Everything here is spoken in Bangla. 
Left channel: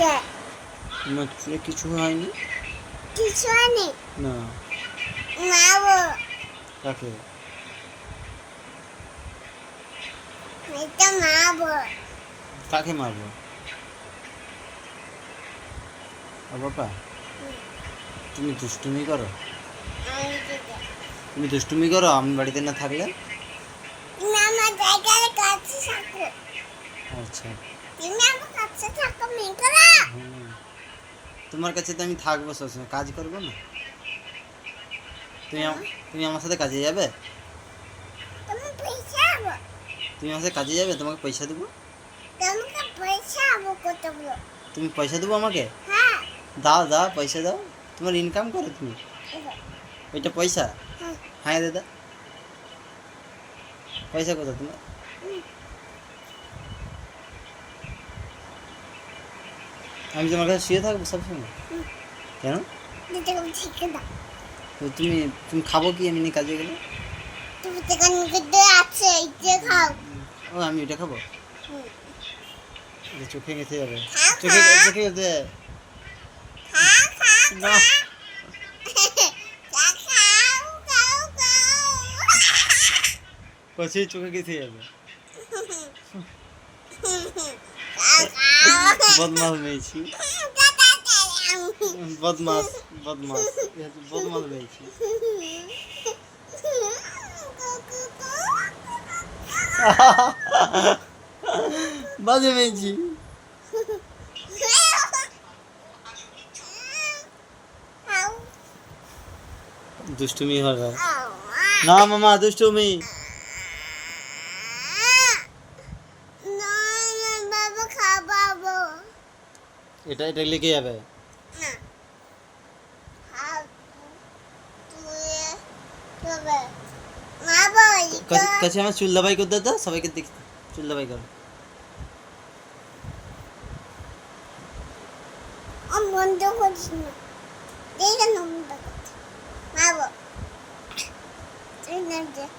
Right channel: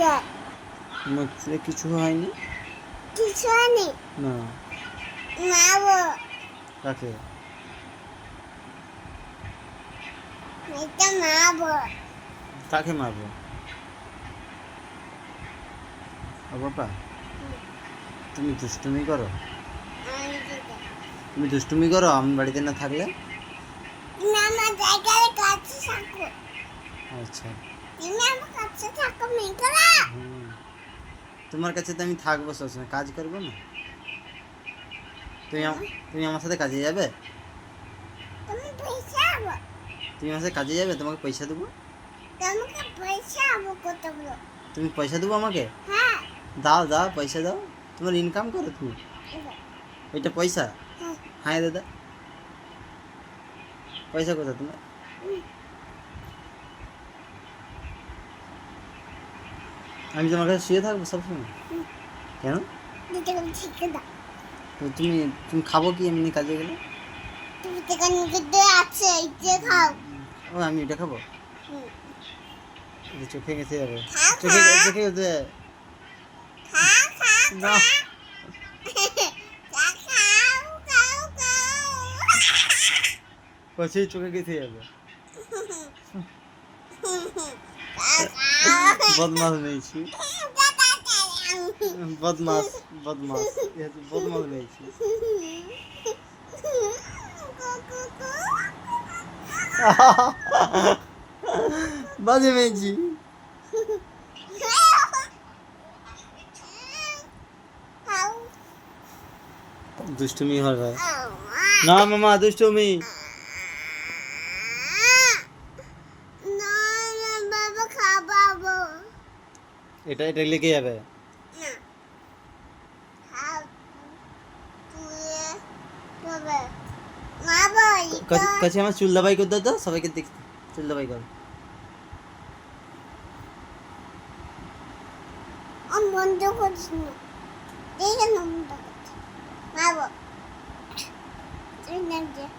যায় তোমার চুলে কিছু হয়নি? কিছু হয়নি না। মারবো কাকে? এটা মারবো কাকে মারবো? ও বাবা, তুমি দুষ্টুমি করো? তুমি দুষ্টুমি করো আমি বাড়িতে না থাকলে? তুমি আমার জায়গায় কাছে থাকো আচ্ছা। তুমি আমার কাছে থাকো মেঘলা হুম, তোমার কাছে তো আমি থাকবো সবসময়, কাজ করবো না? তুমি আমার সাথে কাজে যাবে? তুমি পয়সা আবো তুমি আমার সাথে কাজে যাবে? তোমাকে পয়সা দেবো। তোমাকে পয়সা আবো কত বলো তুমি পয়সা দেবো আমাকে? হ্যাঁ দাও দাও, পয়সা দাও। তোমার ইনকাম করো তুমি। ওইটা পয়সা? হ্যাঁ হ্যাঁ দাদা, পয়সা কোথা তোমার? আমি তোমার কাছে শুয়ে থাকবো সবসময়? কেন? দিতে কম ঠিক দাও তো তুমি তুমি খাবো কি এমনি কাজে গেলে? তুমি থেকে নিতে আছে এই যে খাও ও আমি ওইটা খাবো? হুম। এটা চোখে গেছে যাবে। খা, চোখে খা। চোখে গেছে খা খা না। খা খাও খাও খাও কচি চোখে গেছে যাবে। বদমাস মেয়েছি, বদমাস বদমাস, এ হচ্ছে বদমাস মেয়েছি। বাজে মেয়েছি। দুষ্টুমি হয়। না মামা, দুষ্টুমি। বাবা খাবাবো এটা এটা লেগে যাবে। না খাও তুই তবে মা বই কাছে আমার চুল দাবাই করে দাও তো, সবাইকে দেখ চুল দাবাই কর। বন্ধ করিস না দেখে না বন্ধ করতে মা বল তুই না